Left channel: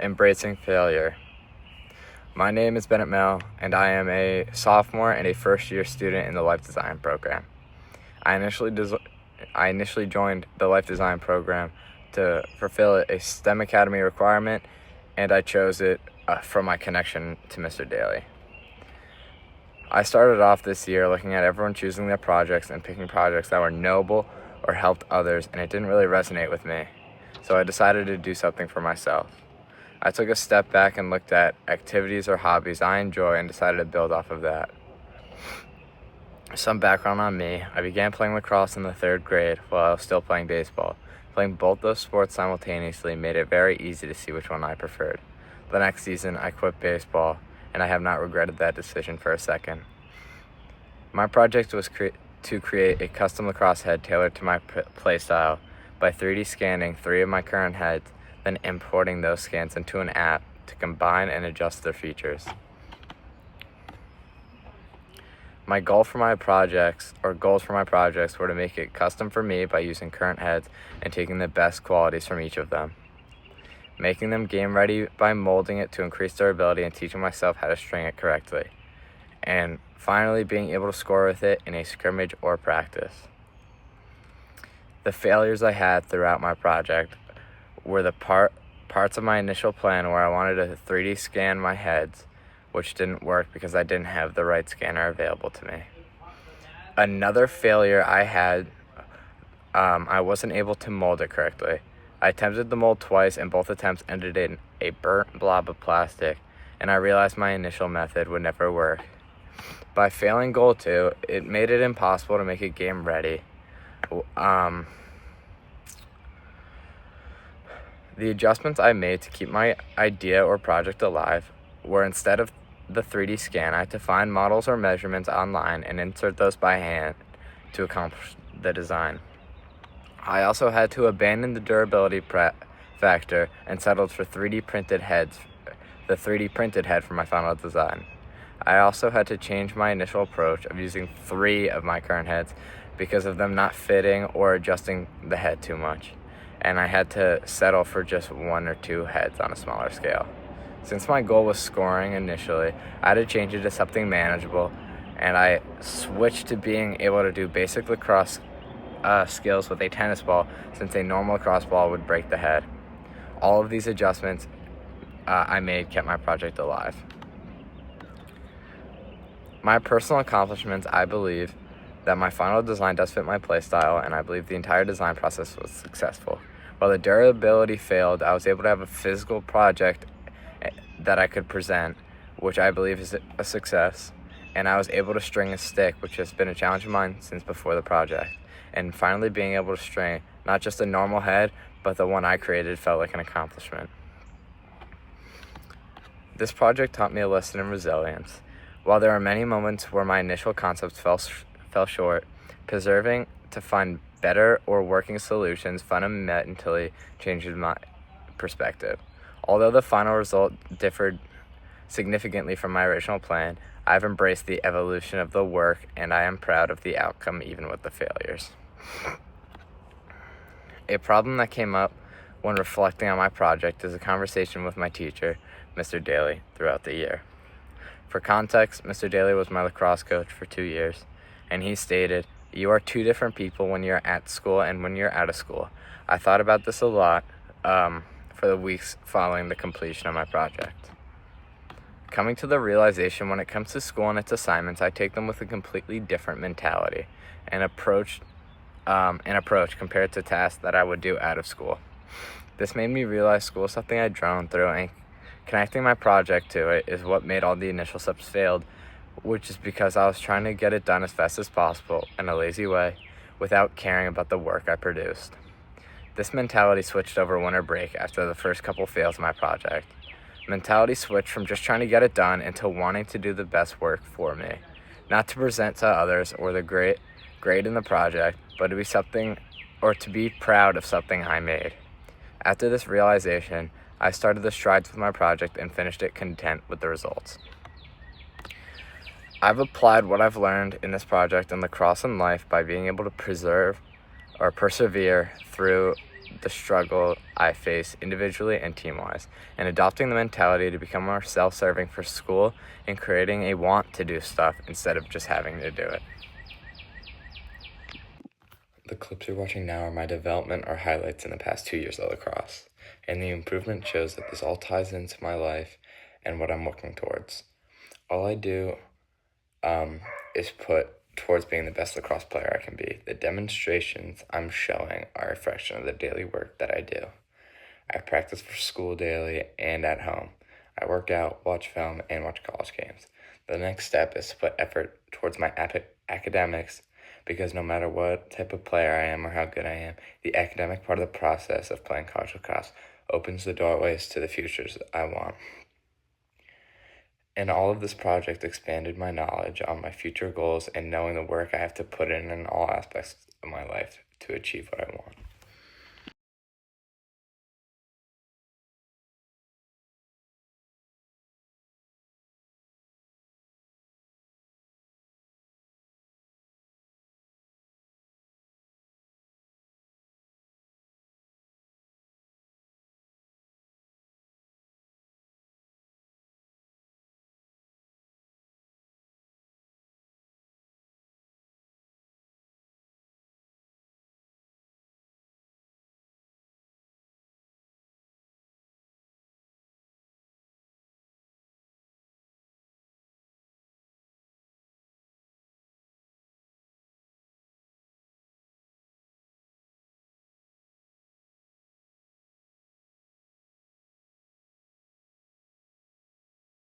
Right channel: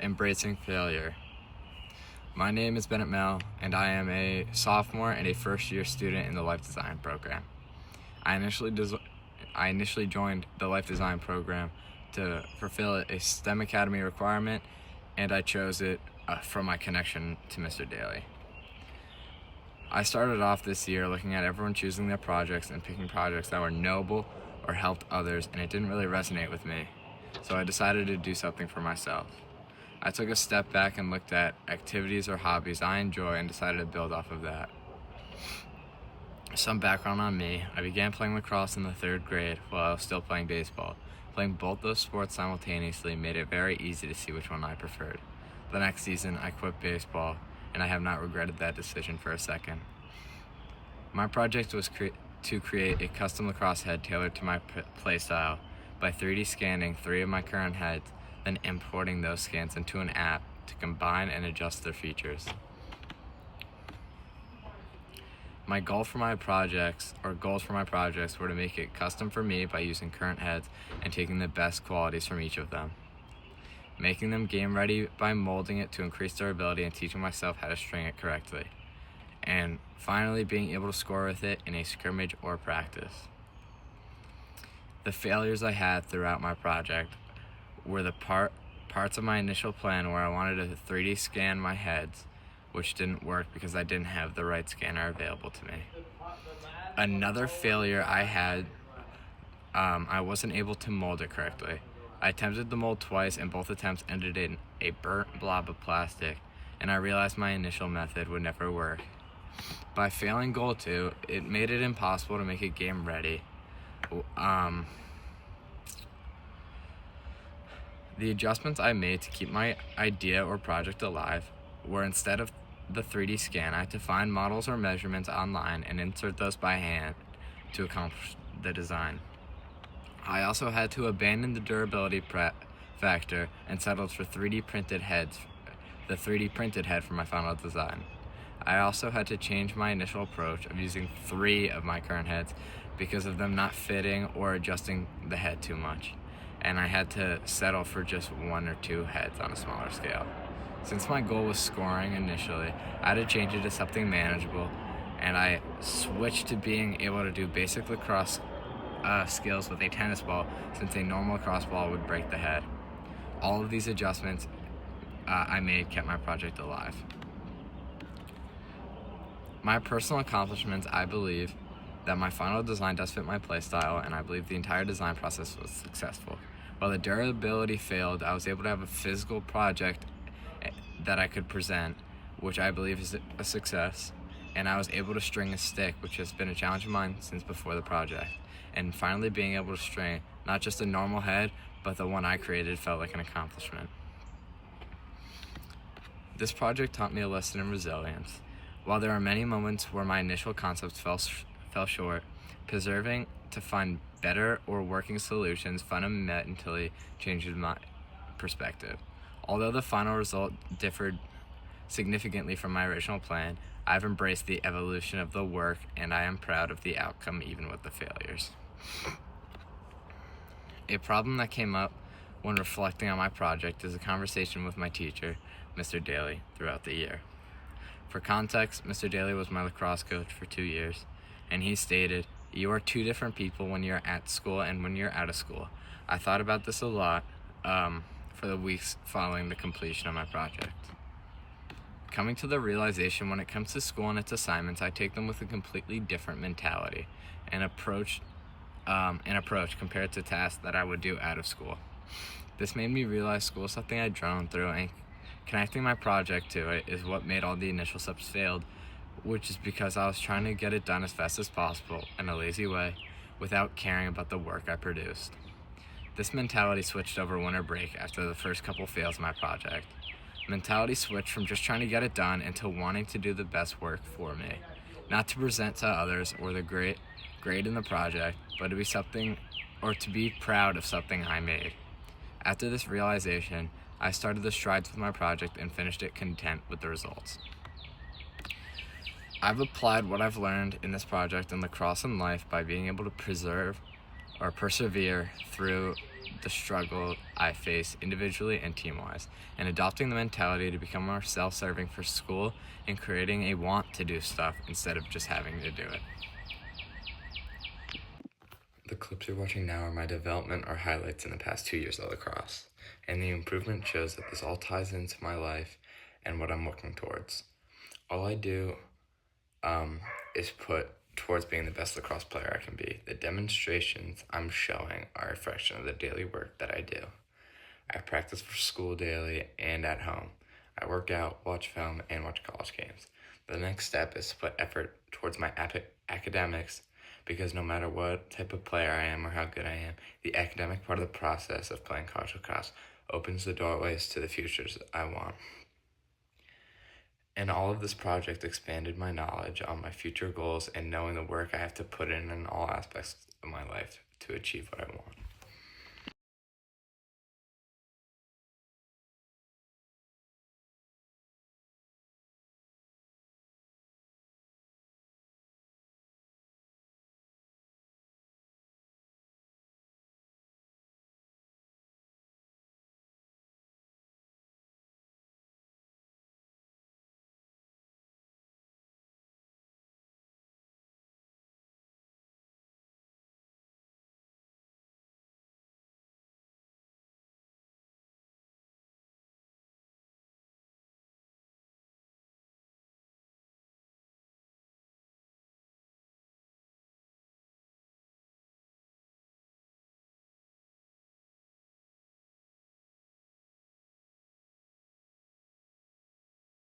Embracing failure. My name is Mehl, and I am a sophomore and a first-year student in the life design program. I initially joined the life design program to fulfill a STEM Academy requirement, and I chose it from my connection to Mr. Daly. I started off this year looking at everyone choosing their projects and picking projects that were noble or helped others, and it didn't really resonate with me. So I decided to do something for myself. I took a step back and looked at activities or hobbies I enjoy and decided to build off of that. Some background on me: I began playing lacrosse in the 3rd grade while I was still playing baseball. Playing both those sports simultaneously made it very easy to see which one I preferred. The next season, I quit baseball, and I have not regretted that decision for a second. My project was to create a custom lacrosse head tailored to my play style by 3D scanning 3 of my current heads, then importing those scans into an app to combine and adjust their features. My goals for my projects were to make it custom for me by using current heads and taking the best qualities from each of them, making them game ready by molding it to increase durability and teaching myself how to string it correctly, and finally being able to score with it in a scrimmage or practice. The failures I had throughout my project were the parts of my initial plan where I wanted to 3D scan my heads, which didn't work because I didn't have the right scanner available to me. Another failure I had, I wasn't able to mold it correctly. I attempted the mold twice, and both attempts ended in a burnt blob of plastic, and I realized my initial method would never work. By failing goal 2, it made it impossible to make it game ready. The adjustments I made to keep my idea or project alive were, instead of the 3D scan, I had to find models or measurements online and insert those by hand to accomplish the design. I also had to abandon the durability factor and settled for 3D printed heads, the 3D printed head for my final design. I also had to change my initial approach of using 3 of my current heads because of them not fitting or adjusting the head too much, and I had to settle for just 1 or 2 heads on a smaller scale. Since my goal was scoring initially, I had to change it to something manageable, and I switched to being able to do basic lacrosse skills with a tennis ball, since a normal lacrosse ball would break the head. All of these adjustments I made kept my project alive. My personal accomplishments: I believe that my final design does fit my playstyle, and I believe the entire design process was successful. While the durability failed, I was able to have a physical project that I could present, which I believe is a success, and I was able to string a stick, which has been a challenge of mine since before the project. And finally being able to string not just a normal head, but the one I created felt like an accomplishment. This project taught me a lesson in resilience. While there are many moments where my initial concepts fell short, persevering to find better or working solutions fundamentally changed my perspective. Although the final result differed significantly from my original plan, I've embraced the evolution of the work, and I am proud of the outcome even with the failures. A problem that came up when reflecting on my project is a conversation with my teacher, Mr. Daly, throughout the year. For context, Mr. Daly was my lacrosse coach for 2 years, and he stated, "You are 2 different people when you're at school and when you're out of school." I thought about this a lot for the weeks following the completion of my project. Coming to the realization, when it comes to school and its assignments, I take them with a completely different mentality and approach compared to tasks that I would do out of school. This made me realize school is something I'd drawn through, and connecting my project to it is what made all the initial steps failed, which is because I was trying to get it done as fast as possible in a lazy way without caring about the work I produced. This mentality switched over winter break after the first couple fails of my project. Mentality switched from just trying to get it done into wanting to do the best work for me, not to present to others or the grade in the project, but to be proud of something I made. After this realization, I started the strides with my project and finished it content with the results. I've applied what I've learned in this project in lacrosse and life by being able to persevere through the struggle I face individually and team-wise, and adopting the mentality to become more self-serving for school and creating a want to do stuff instead of just having to do it. The clips you're watching now are my development or highlights in the past 2 years of lacrosse, and the improvement shows that this all ties into my life and what I'm working towards. All I do is put towards being the best lacrosse player I can be. The demonstrations I'm showing are a fraction of the daily work that I do. I practice for school daily and at home. I work out, watch film, and watch college games. The next step is to put effort towards my academics, because no matter what type of player I am or how good I am, the academic part of the process of playing college lacrosse opens the doorways to the futures I want. And all of this project expanded my knowledge on my future goals and knowing the work I have to put in all aspects of my life to achieve what I want.